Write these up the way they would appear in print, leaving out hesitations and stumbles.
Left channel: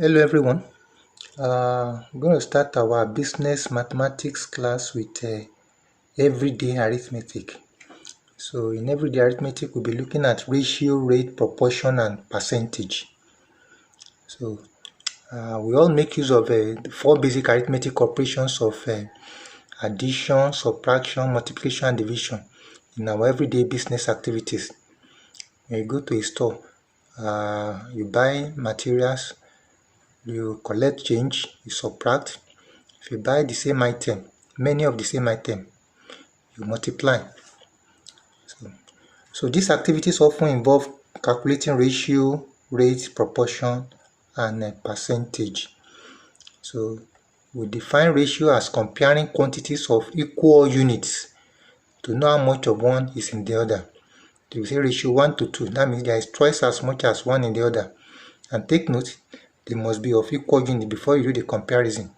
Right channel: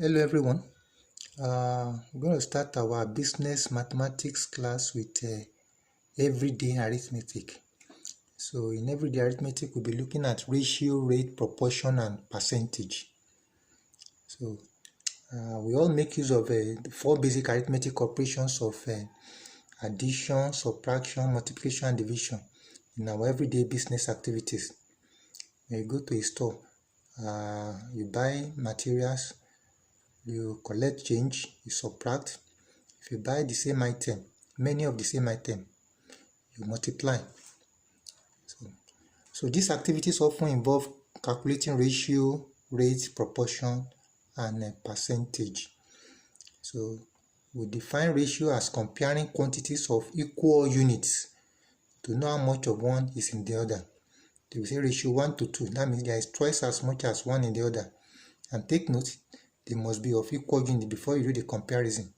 Hello everyone. We're going to start our business mathematics class with everyday arithmetic. So in everyday arithmetic, we'll be looking at ratio, rate, proportion, and percentage. So we all make use of the four basic arithmetic operations of addition, subtraction, multiplication, and division in our everyday business activities. When you go to a store, you buy materials, you collect change, you subtract. If you buy the same item, many of the same item, you multiply. So these activities often involve calculating ratio, rate, proportion, and percentage. So we define ratio as comparing quantities of equal units to know how much of one is in the other. So we say ratio 1 to 2, that means there is twice as much as one in the other. And take note, they must be of equal unit before you do the comparison.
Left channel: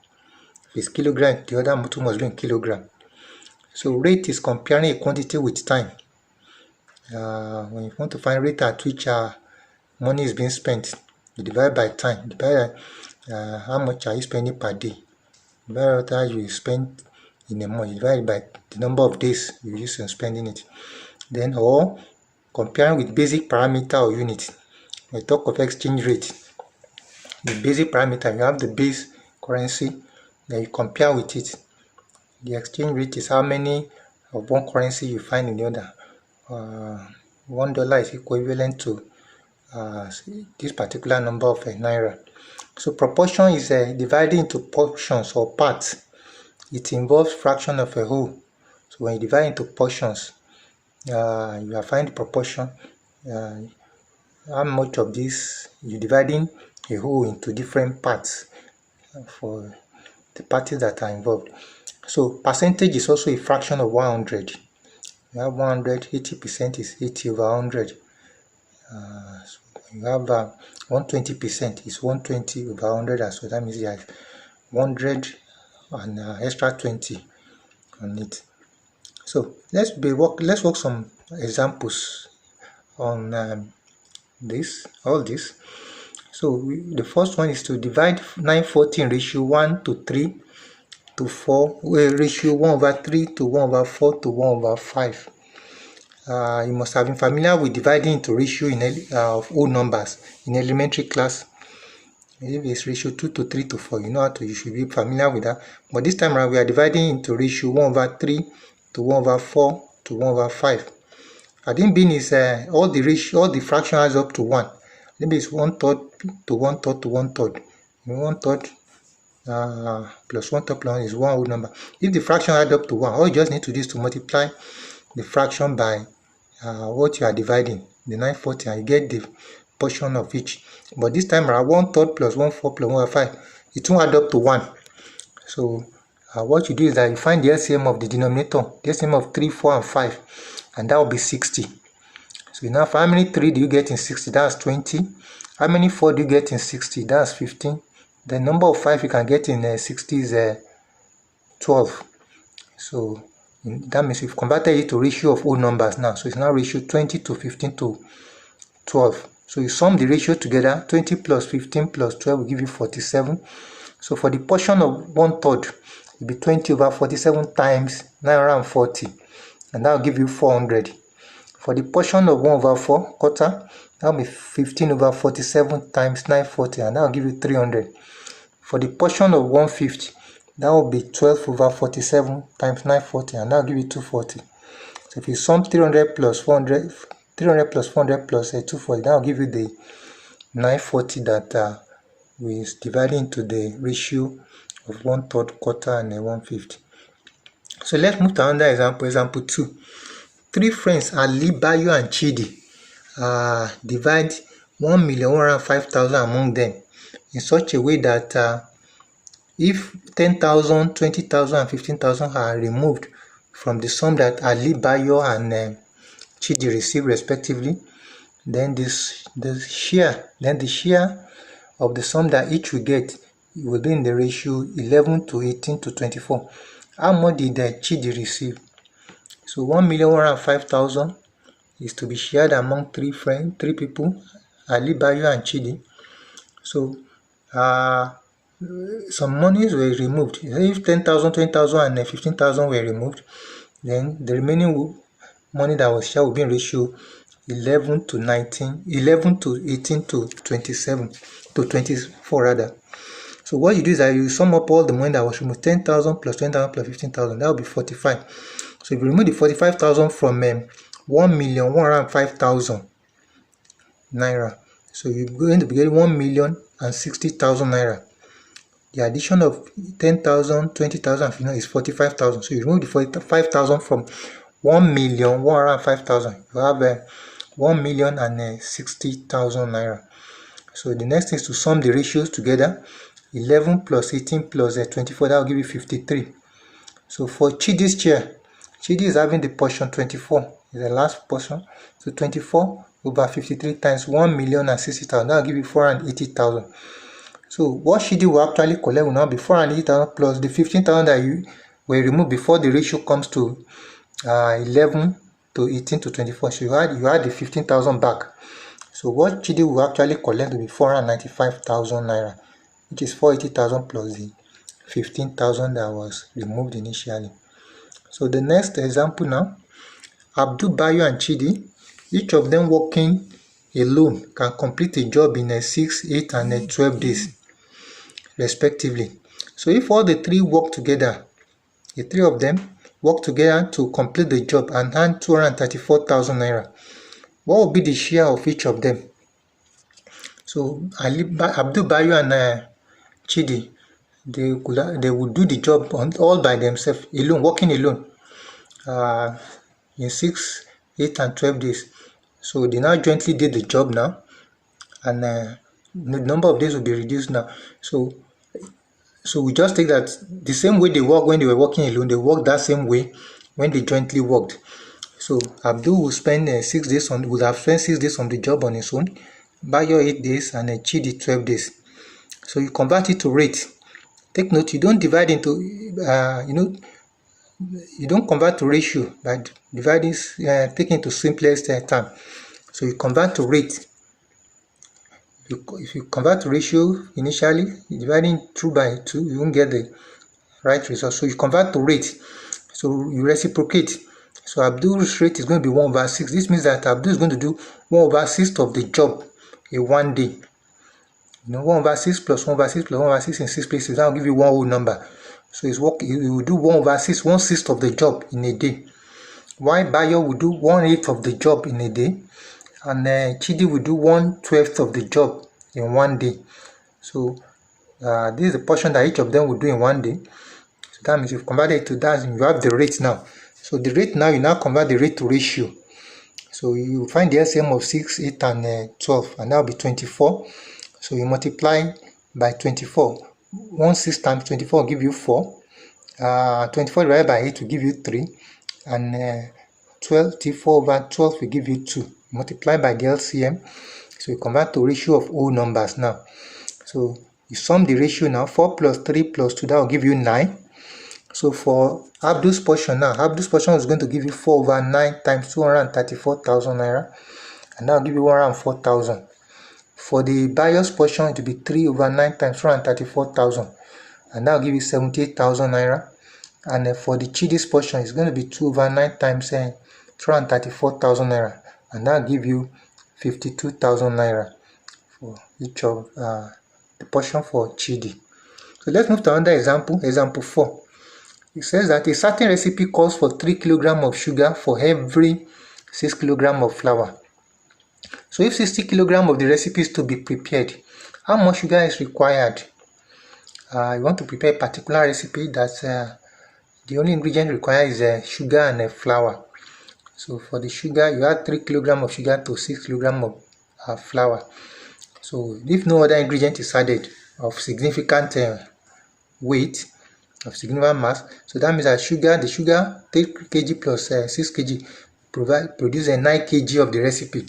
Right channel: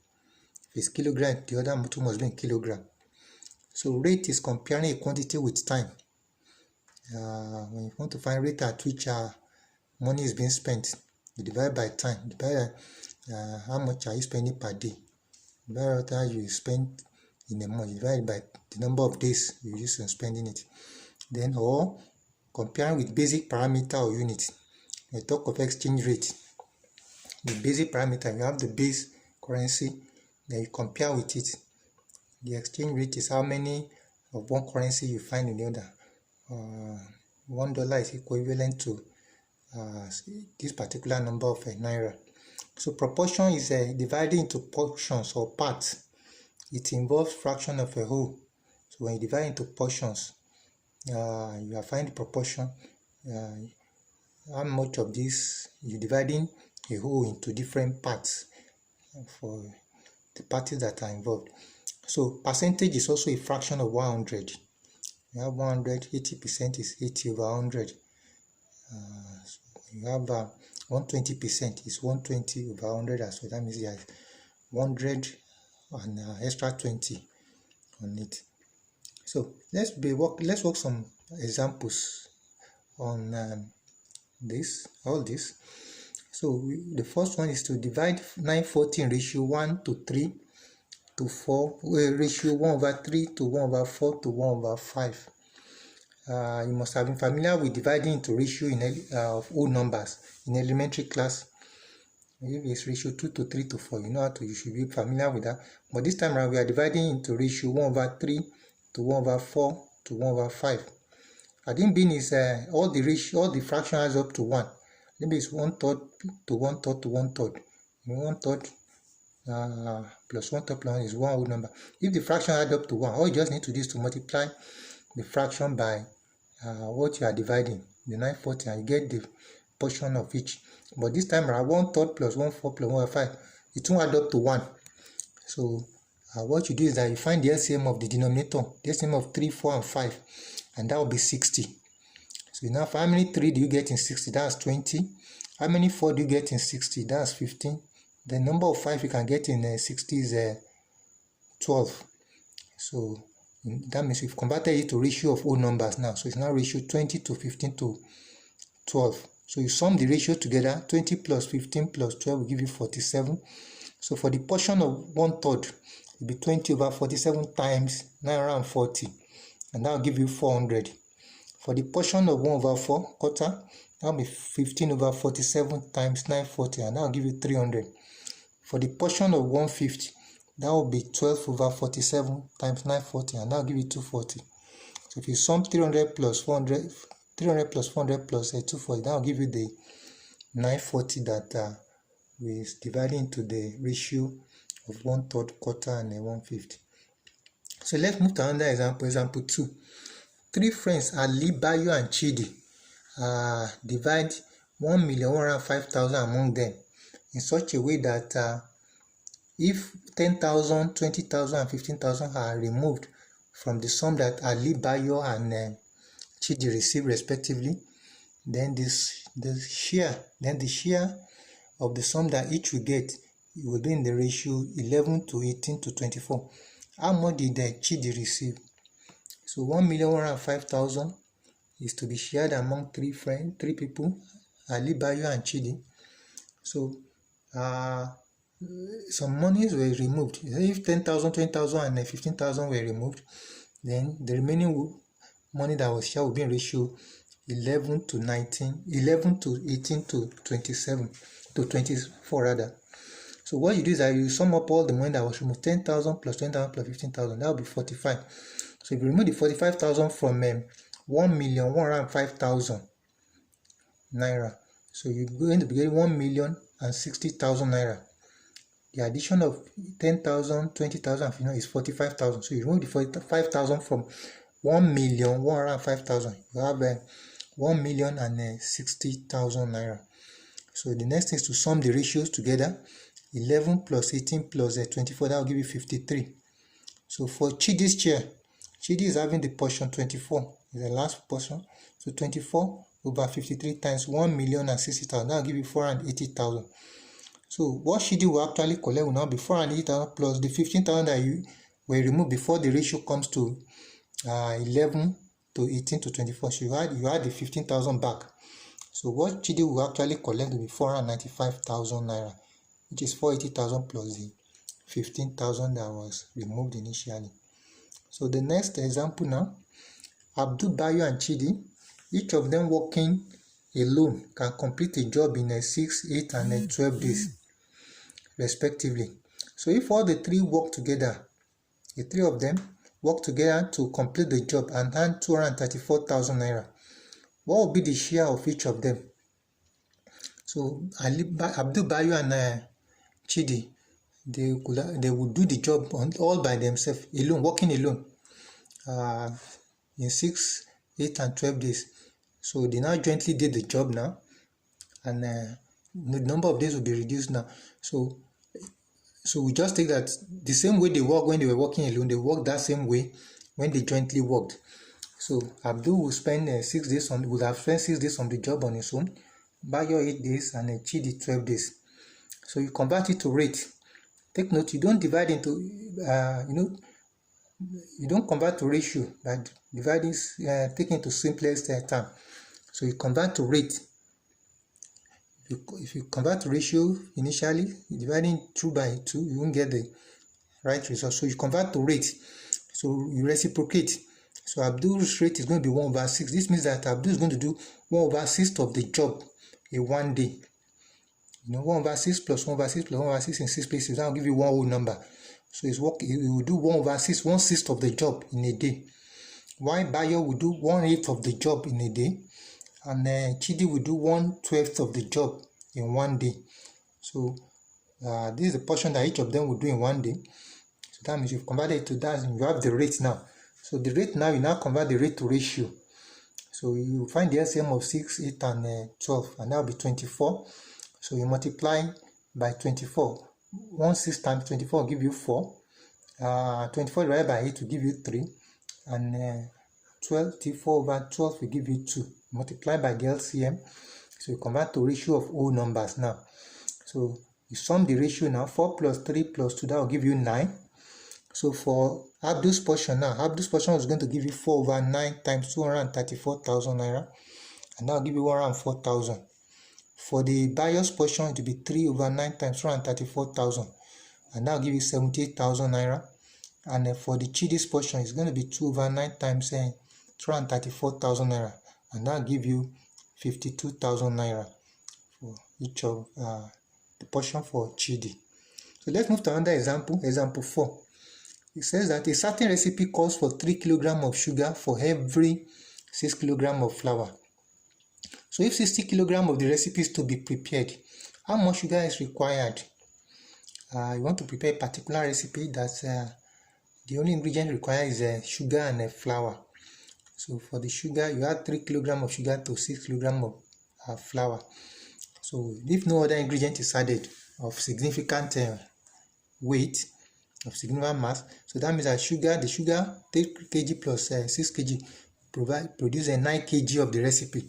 If it's kilogram, the other two must be in kilogram. So rate is comparing a quantity with time. When you want to find rate at which money is being spent, you divide by time. Divide how much are you spending per day. Divide what you spend in a month. You divide by the number of days you use in spending it. Then, or comparing with basic parameter or unit. When we talk of exchange rate, the basic parameter, you have the base currency, then you compare with it. The exchange rate is how many of one currency you find in the other. $1 is equivalent to this particular number of naira. So proportion is divided into portions or parts. It involves fraction of a whole. So when you divide into portions, you are finding the proportion. How much of this you're dividing a whole into different parts for the parties that are involved. So percentage is also a fraction of 100. You have 100, 80% is 80 over 100. So you have 120% is 120 over 100 as well. That means you have 100 and extra 20 on it. So let's work some examples on all this. So the first one is to divide 940 in ratio 1 to 3 to 4, ratio 1 over 3 to 1 over 4 to 1 over 5. You must have been familiar with dividing into ratio of whole numbers in elementary class. If it's ratio 2 to 3 to 4, you should be familiar with that. But this time around, we are dividing into ratio 1 over 3 to 1 over 4 to 1 over 5. Adding being is all the fraction adds up to 1. Maybe it's 1/3 to 1/3 to 1/3. 1/3 plus 1/3 plus 1 is one whole number. If the fraction adds up to 1, all you just need to do is to multiply the fraction by what you are dividing, the 940, and you get the portion of each. But this time around, 1/3 plus 1/4 plus 1/5, it won't add up to 1. So what you do is that you find the LCM of the denominator, the LCM of 3, 4, and 5, and that will be 60. So now, how many 3 do you get in 60? That's 20. How many 4 do you get in 60? That's 15. The number of 5 you can get in 60 is 12. So that means we've converted it to ratio of whole numbers now. So it's now ratio 20 to 15 to 12. So you sum the ratio together, 20 plus 15 plus 12 will give you 47. So for the portion of 1/3, it will be 20 over 47 times 940, and that will give you 400. For the portion of 1 over 4, quarter, that will be 15 over 47 times 940, and that will give you 300. For the portion of 1/5, that will be 12 over 47 times 940, and that will give you 240. So if you sum 300 plus 400, 300 plus 400 plus 240, that will give you the 940 that we divided into the ratio of 1/3, quarter, and 1/5. So let's move to another example. Example 2. 3 friends, Ali, Bayo, and Chidi, divide 1,105,000 among them in such a way that if 10,000, 20,000, and 15,000 are removed from the sum that Ali, Bayo, and Chidi receive respectively, then the share of the sum that each will get will be in the ratio 11 to 18 to 24. How much did Chidi receive? So 1,105,000 is to be shared among 3 people, Ali, Bayo, and Chidi. So some monies were removed. If 10,000, 20,000 and 15,000 were removed, then the remaining money that was shared will be in ratio 11 to 19, 11 to 18 to 27 to 24 rather. So what you do is that you sum up all the money that was removed, 10,000 plus 20,000 plus 15,000, that will be 45. So if you remove the 45,000 from 1,105,000 naira, so you're going to be getting 1,060,000 naira. The addition of 10,000, 20,000 is 45,000. So you remove the 45,000 from 1,105,000. You have 1,060,000 naira. So the next thing is to sum the ratios together. 11 plus 18 plus 24, that will give you 53. So for Chidi's chair, Chidi is having the portion 24, is the last portion. So 24 over 53 times 1,060,000, that will give you 480,000. So what Chidi will actually collect will now be 480,000 plus the 15,000 that you were removed before the ratio comes to 11 to 18 to 24. So you add the 15,000 back. So what Chidi will actually collect will be 495,000 naira, which is 480,000 plus the 15,000 that was removed initially. So the next example now, Abdul, Bayo and Chidi, each of them working alone can complete a job in 6, 8 and 12 days respectively. So if all the three work together, the three of them work together to complete the job and earn 234,000 naira, what will be the share of each of them? So Abdul, Bayo and Chidi, they would do the job all by themselves, alone, working alone, in 6, 8 and 12 days. So they now jointly did the job now, and the number of days will be reduced now. So we just take that the same way they work when they were working alone, they work that same way when they jointly worked. So Abdul will spend 6 days would have spent 6 days on the job on his own, Bayo 8 days, and Chidi 12 days. So you convert it to rate. Take note, you don't divide into, you don't convert to ratio by dividing, taking to simplest term. So you convert to rate. If you convert to ratio initially, dividing 2 by 2, you won't get the right result. So you convert to rate. So you reciprocate. So Abdul's rate is going to be 1/6. This means that Abdul is going to do 1/6 of the job in 1 day. 1/6 plus 1/6 plus 1/6 in 6 places, that will give you one whole number. So he will do 1/6, 1/6 of the job in a day. While Bayo will do 1/8 of the job in a day, and Chidi will do 1/12 of the job in 1 day. So this is the portion that each of them will do in 1 day. So that means you've converted it to that, and you have the rate now. So the rate now, you now convert the rate to ratio. So you find the LCM of 6, 8 and 12, and that will be 24. So you multiply by 24. 1/6 times 24 will give you 4. 24 divided by 8 will give you 3. And 24 over 12 will give you 2. Multiply by the LCM. So you convert to ratio of whole numbers now. So you sum the ratio now. 4 plus 3 plus 2, that will give you 9. So for Abdul's portion now, Abdul's portion is going to give you 4/9 times 234,000 naira. And that will give you 104,000. For the Bayo's portion, it will be 3/9 times 234,000. And that will give you 78,000 naira. And for the Chidi's portion, it's going to be 2/9 times 234,000 naira. And that will give you 52,000 naira for each of the portion for Chidi. So let's move to another example, example 4. It says that a certain recipe calls for 3 kg of sugar for every 6 kg of flour. So if 60 kg of the recipe is to be prepared, how much sugar is required? You want to prepare a particular recipe that the only ingredient required is sugar and flour. So for the sugar, you add 3 kg of sugar to 6 kg of flour. So if no other ingredient is added of significant weight, of significant mass, so that means that the sugar 3 kg plus 6 kg produce 9 kg of the recipe.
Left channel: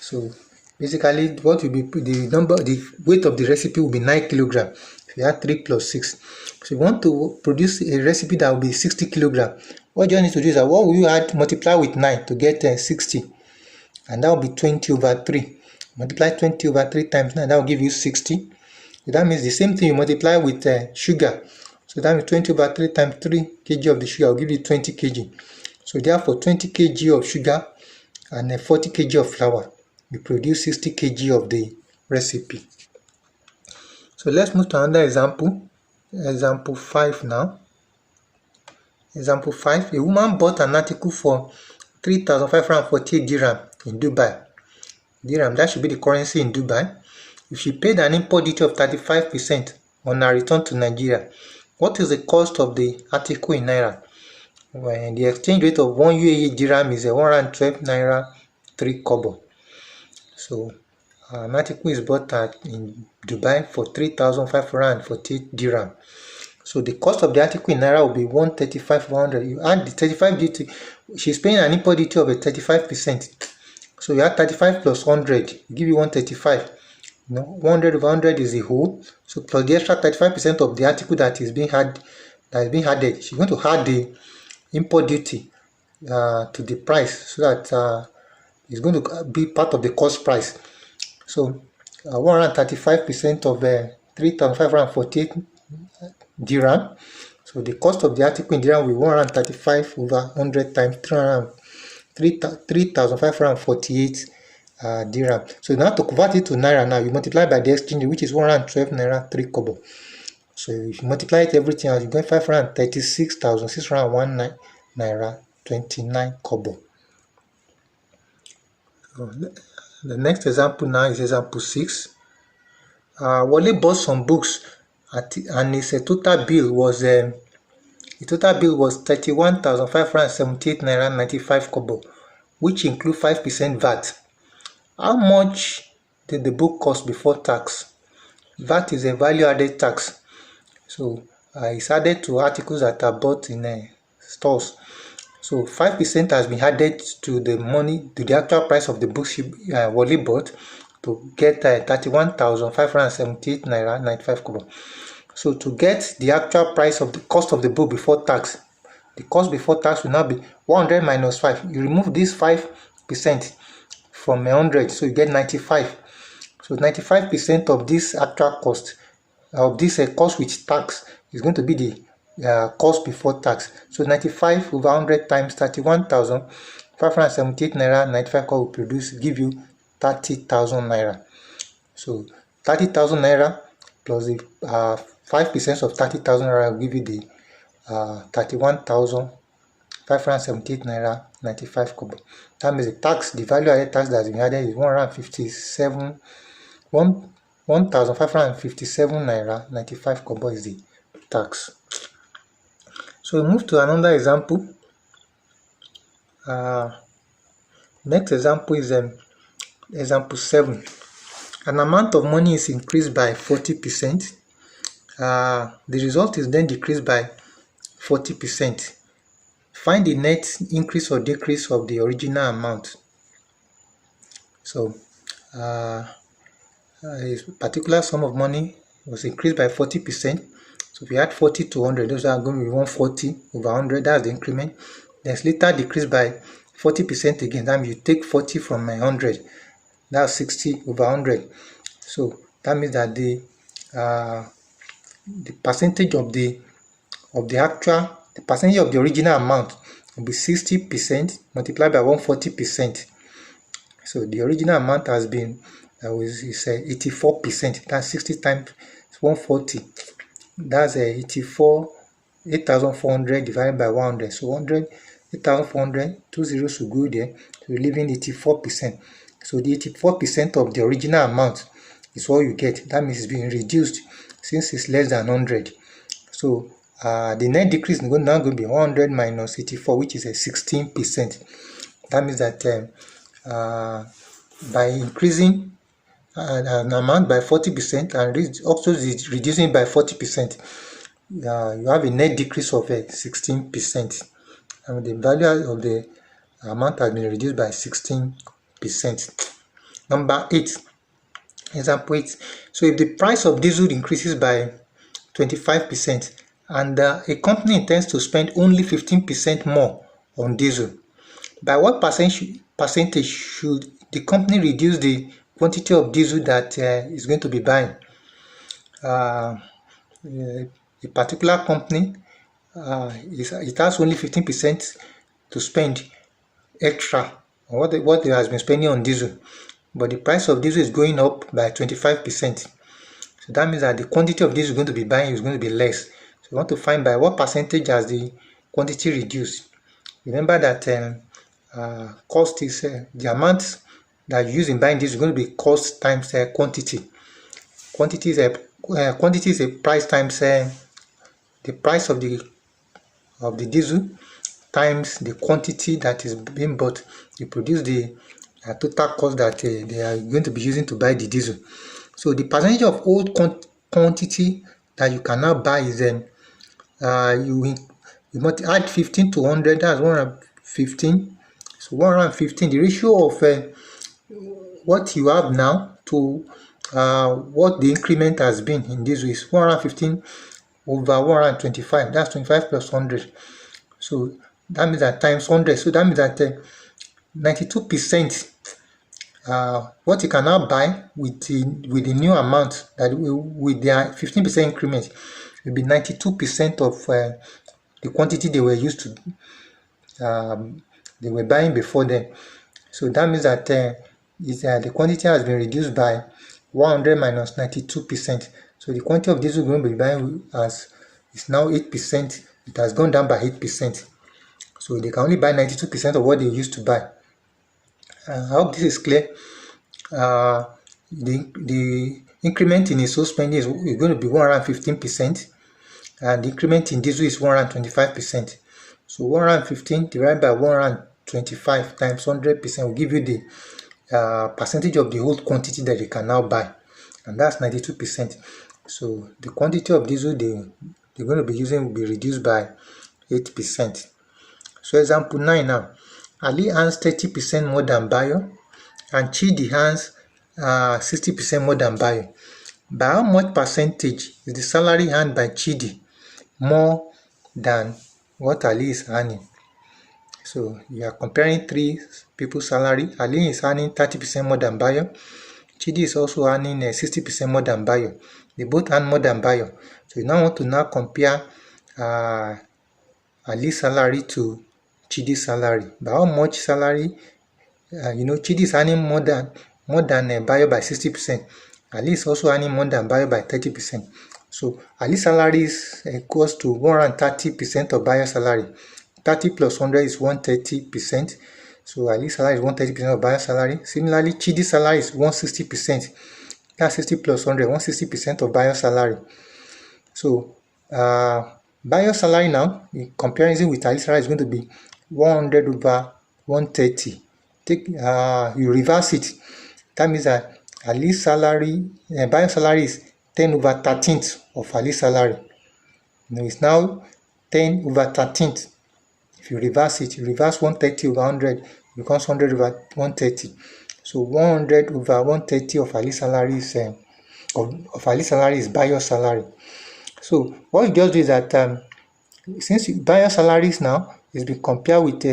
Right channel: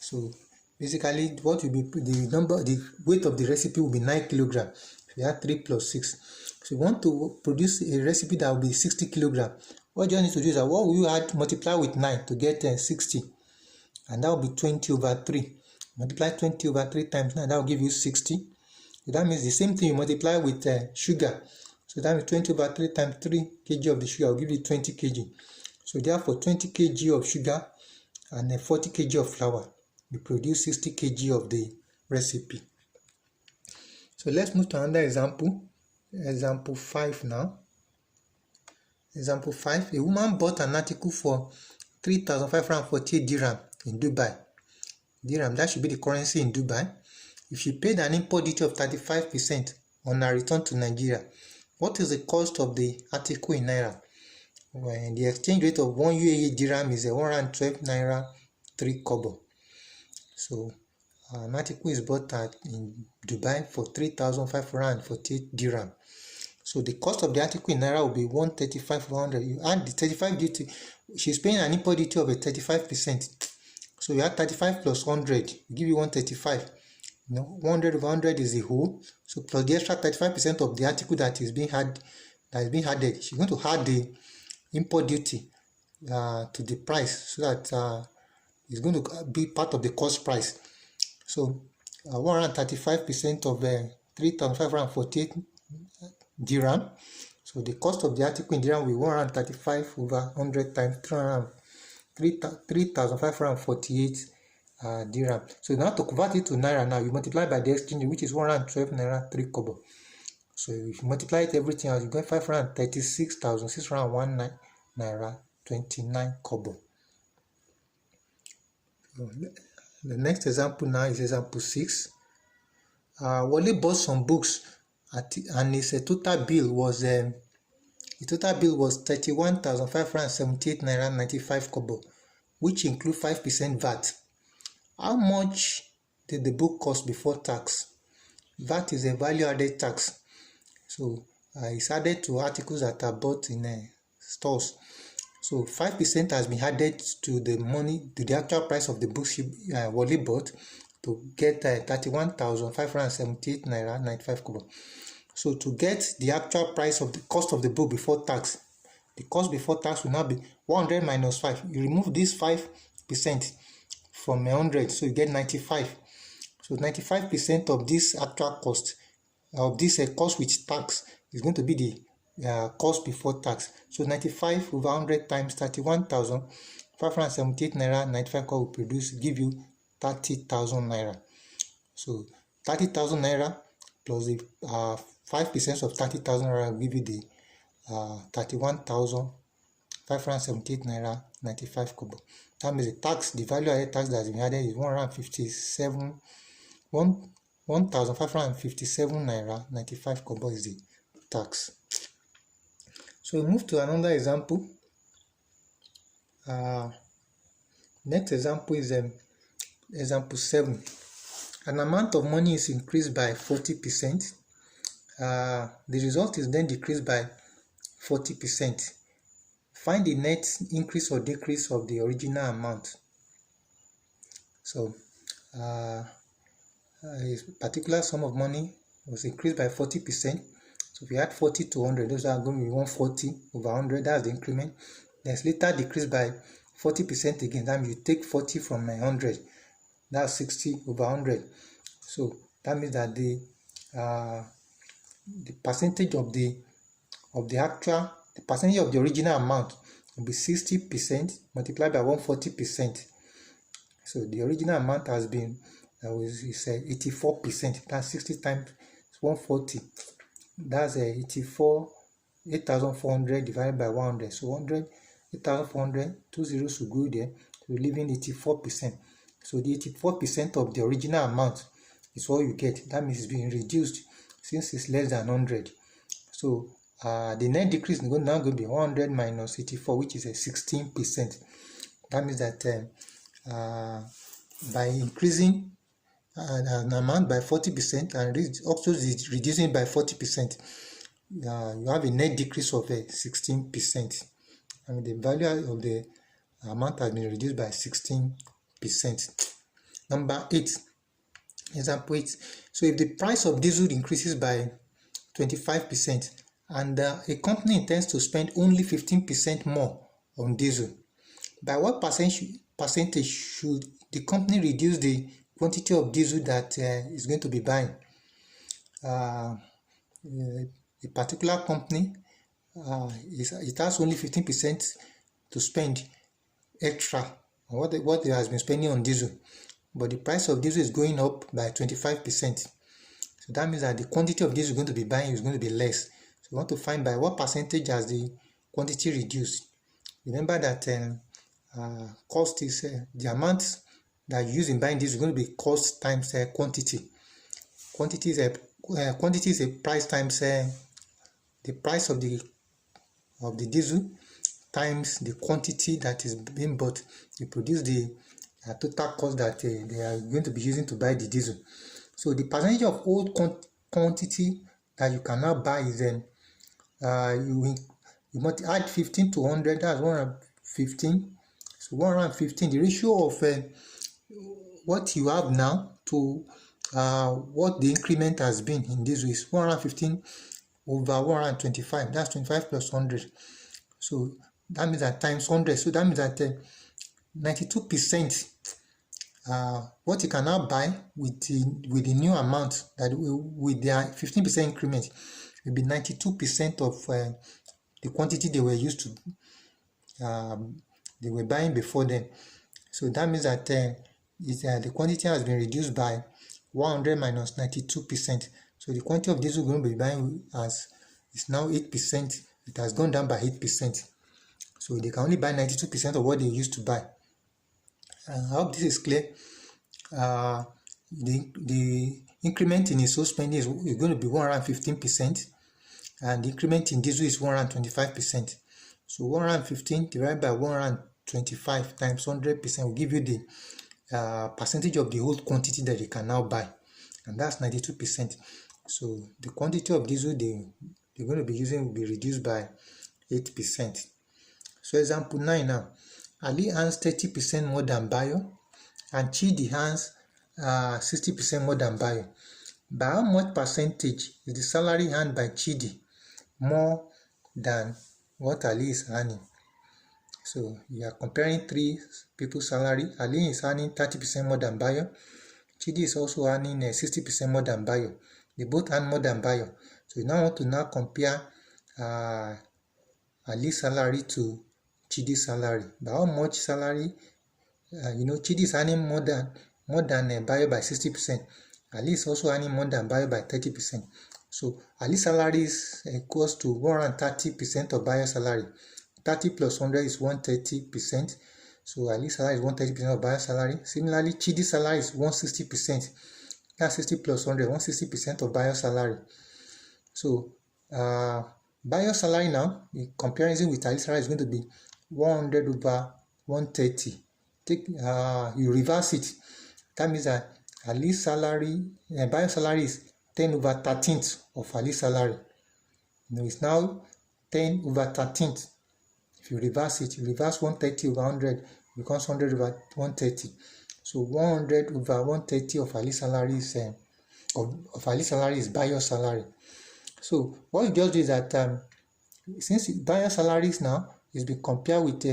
So basically, what will be the weight of the recipe will be 9 kg. If you add 3 plus 6, so you want to produce a recipe that will be 60 kg. What you need to do is that what will you add? Multiply with 9 to get 60, and that will be 20/3. Multiply 20/3 times 9, that will give you 60. So that means the same thing you multiply with sugar. So that means 20 over 3 times 3 kg of the sugar will give you 20 kg. So therefore 20 kg of sugar and 40 kg of flour will produce 60 kg of the recipe. So let's move to another example. Example 5 now. Example 5. A woman bought an article for 3,548 dirham in Dubai. Dirham, that should be the currency in Dubai. If she paid an import duty of 35% on her return to Nigeria, what is the cost of the article in Naira? When the exchange rate of 1 UAE dirham is 112 Naira 3 kobo. So an article is bought in Dubai for 3,548 dirham. So the cost of the article in Naira will be 135,100. You add the 35 duty. She's paying an import duty of a 35%. So you add 35 plus 100, give you 135. 100 over 100 is the whole. So plus the extra 35% of the article that is being added. She's going to add the import duty to the price, so that it's going to be part of the cost price. So 135% of 3,548 dirham. So the cost of the article in dirham will be 135 over 100 times 3,548 dirham. So now to convert it to Naira now, you multiply by the exchange, which is 112 Naira 3 kobo. So if you multiply it everything else, you get 536,601 Naira 29 kobo. So the next example now is example 6. Wale bought some books and his total bill was 31,578 Naira 95 kobo, which include 5% VAT. How much did the book cost before tax? VAT is a value added tax. So it's added to articles that are bought in stores. So 5% has been added to the money, to the actual price of the books Wale bought, to get 31,578 Naira 95 kobo. So to get the actual price of the cost of the book before tax, the cost before tax will now be 100 minus 5. You remove this 5% from 100, so you get 95. So 95% of this actual cost, of this cost with tax, is going to be the cost before tax. So 95 over 100 times 31,578 Naira 95 will give you 30,000 Naira. So 30,000 Naira plus the 5% of 30,000 Naira will give you the 31,578 Naira 95 kobo. That means the tax, the value added tax that has been added is 1,557 Naira 95 kobo is the tax. So we move to another example. Next example is example 7. An amount of money is increased by 40%. The result is then decreased by 40%. Find the net increase or decrease of the original amount. So a particular sum of money was increased by 40%. So if you add 40 to 100, those are going to be 140 over 100. That's the increment. Then later decreased by 40% again. That means you take 40 from 100. That's 60 over 100. So that means that the percentage of the percentage of the original amount will be 60% multiplied by 140%. So the original amount has been is 84%. That's 60 times 140. That's 8,400 divided by 100. So 8,400, 2 zeros should go there. So you're leaving 84%. So the 84% of the original amount is what you get. That means it's being reduced since it's less than 100. So the net decrease is now going to be 100 minus 84, which is a 16%. That means that by increasing an amount by 40% and also reducing by 40%, you have a net decrease of 16%. And the value of the amount has been reduced by 16%. Number 8, example 8. So if the price of diesel increases by 25% and a company intends to spend only 15% more on diesel, by what percentage should the company reduce the quantity of diesel that is going to be buying? uh, a particular company it has only 15% to spend extra on what it has been spending on diesel, but the price of diesel is going up by 25%. So that means that the quantity of diesel you're going to be buying is going to be less. So you want to find by what percentage has the quantity reduced. Remember that cost is the amount that you use in buying diesel is going to be cost times quantity. Quantity is a price times the price of the diesel times the quantity that is being bought. You produce the total cost that they are going to be using to buy the diesel. So the percentage of old quantity that you can now buy is you must add 15 to 100, that's 115. So 115, the ratio of what you have now to what the increment has been in this is 115 over 125, that's 25 plus 100. So that means that times 100, so that means that 92% what you can now buy with the new amount that with their 15% increment will be 92% of the quantity they were used to they were buying before then. So that means that the quantity has been reduced by 100 minus 92%. So the quantity of diesel going to be buying is now 8%. It has gone down by 8%. So they can only buy 92% of what they used to buy. I hope this is clear. The increment in ISO spending is going to be 115%, and the increment in diesel is 125%. So 115 divided by 125 times 100% will give you the percentage of the whole quantity that they can now buy, and that's 92%. So the quantity of diesel they're going to be using will be reduced by 8%. So example 9 now. Ali earns 30% more than Bayo, and Chidi earns 60% more than Bayo. By how much percentage is the salary earned by Chidi more than what Ali is earning? So you are comparing three people's salary. Ali is earning 30% more than Bayo. Chidi is also earning 60% more than Bayo. They both earn more than Bayo. So you now want to compare Ali's salary to Chidi's salary. By how much salary? Chidi is earning more than Bayo by 60%. Ali is also earning more than Bayo by 30%. So Ali's salary is equals to 130% of Bayo's salary. 30 plus 100 is 130%. So Ali's salary is 130% of Bayo's salary. Similarly, Chidi's salary is 160%. That's 60 plus 100, 160% of Bayo's salary. So Bayo's salary now, in comparison with Ali's salary, is going to be 100 over 130. You reverse it. That means that Ali's salary, Bayo's salary is 10 over 13th of Ali's salary. It's now 10 over 13th. If you reverse it, you reverse 130 over 100, it becomes 100 over 130. So 100 over 130 of Ali's salary is of Ali's salary is Bayo's salary. So what you just do is that since Bayo's salaries now is being compared with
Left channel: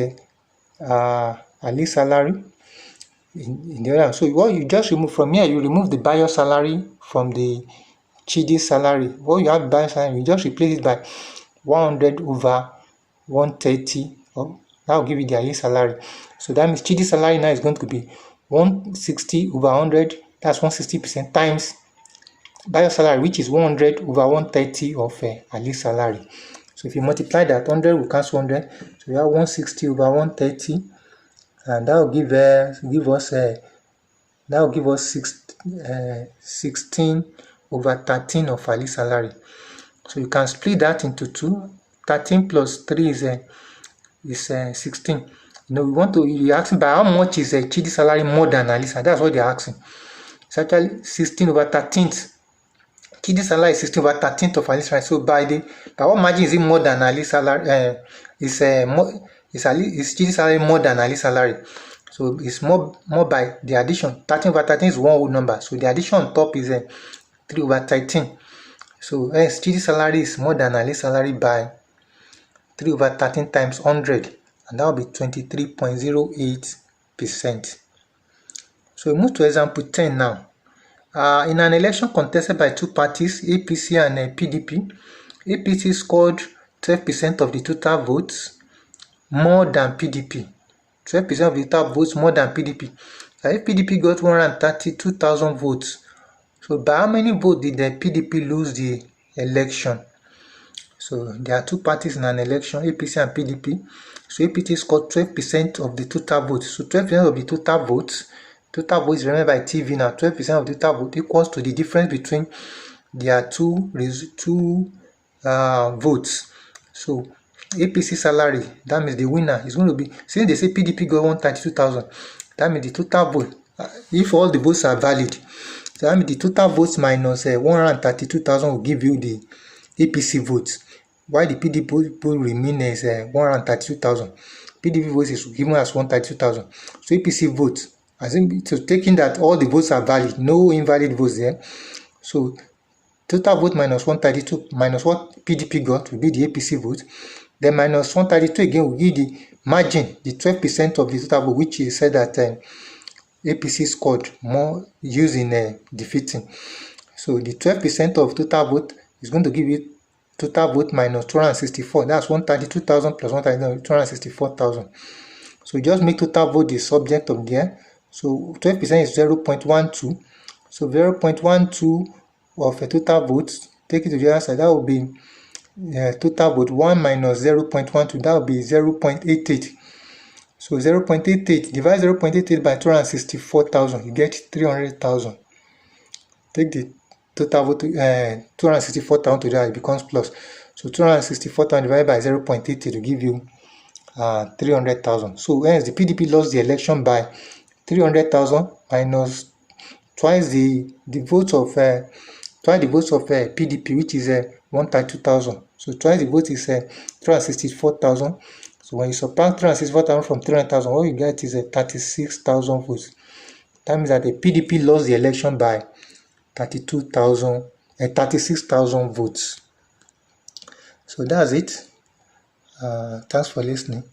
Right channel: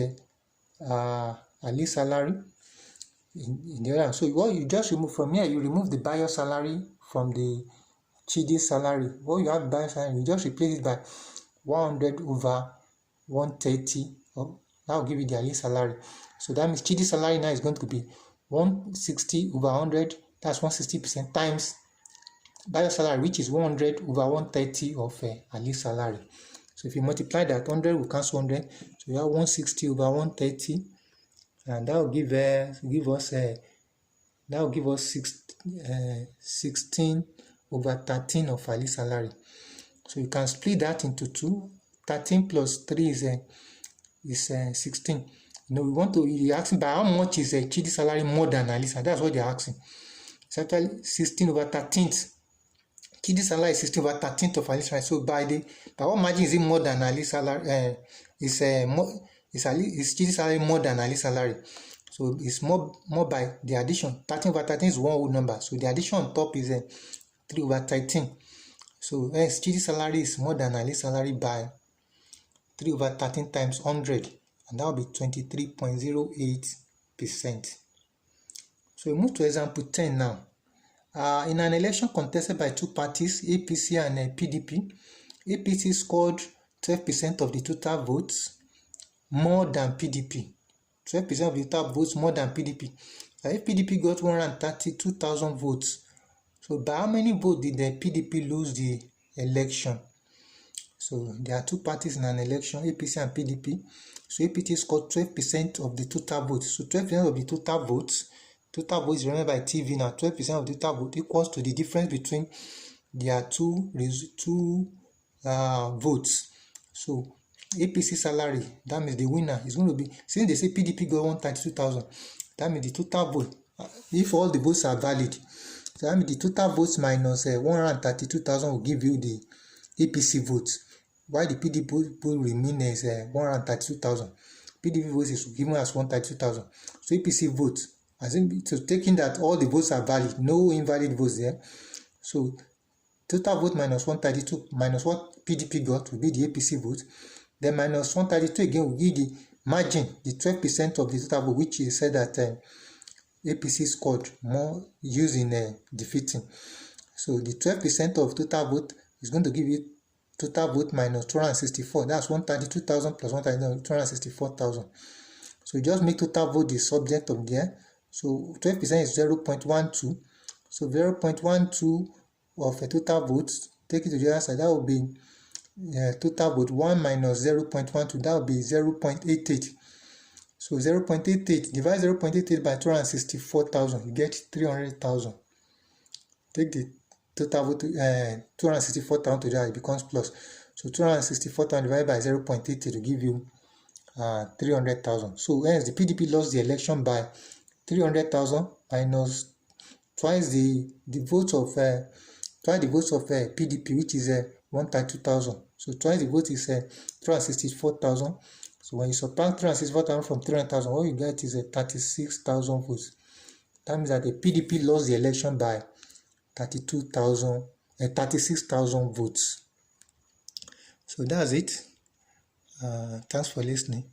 Ali's salary in the other. So what you just remove from here, you remove the Bayo salary from the Chidi salary. What you have Bayo salary, you just replace it by 100 over 130. That will give you the Ali salary. So that means Chidi salary now is going to be 160 over 100. That's 160% times Bayo salary, which is 100 over 130 of Ali's salary. So if you multiply that, 100 will cancel 100. So you have 160 over 130, and that will give us 16 over 13 of Ali's salary. So you can split that into 2. 13 plus 3 is 16. You're asking by how much is Chidi's salary more than Ali's salary. That's what they're asking. It's actually 16 over 13th. Chidi's salary is 16 over 13th of Ali's salary. So by what margin is it more than Ali's salary? Is Chidi's salary more than Ali's salary? So it's more by the addition. 13 over 13 is one whole number. So the addition on top is 3 over 13. So Chidi's salary is more than Ali's salary by 3 over 13 times 100, and that will be 23.08%. So we move to example 10 now. In an election contested by two parties, APC and PDP, APC scored 12% of the total votes, more than PDP. 12% of the total votes more than PDP. So if PDP got 132,000 votes, so by how many votes did the PDP lose the election? So there are two parties in an election, APC and PDP. So APC scored 12% of the total votes. So 12% of the total votes is remembered by TV now. 12% of the total vote equals to the difference between their two votes. So APC salary, that means the winner is going to be, since they say PDP got 132,000, that means the total vote, if all the votes are valid, so that means the total votes minus 132,000 will give you the APC votes, while the PDP vote remain as 132,000. PDP votes is given as 132,000. So APC votes, I think, so taking that all the votes are valid, no invalid votes there. So total vote minus 132 minus what PDP got will be the APC vote. Then minus 132 again will give the margin, the 12% of the total vote, which is said that APC scored more using defeating. So the 12% of total vote is going to give you total vote minus 264. That's 132,000 plus 264,000. So just make total vote the subject of there. So 12% is 0.12. So 0.12 of a total votes, take it to the other side, that will be total vote 1 minus 0.12, that will be 0.88. So 0.88, divide 0.88 by 264,000, you get 300,000. Take the total vote 264,000 to that, it becomes plus. So 264,000 divided by 0.80 to give you 300,000. So hence the PDP lost the election by 300,000 minus twice the votes of PDP, which is 132,000. So twice the vote is 364,000. So when you subtract 364,000 from 300,000, what you get is 36,000 votes. That means that the PDP lost the election by 36,000 votes. So that's it. Thanks for listening.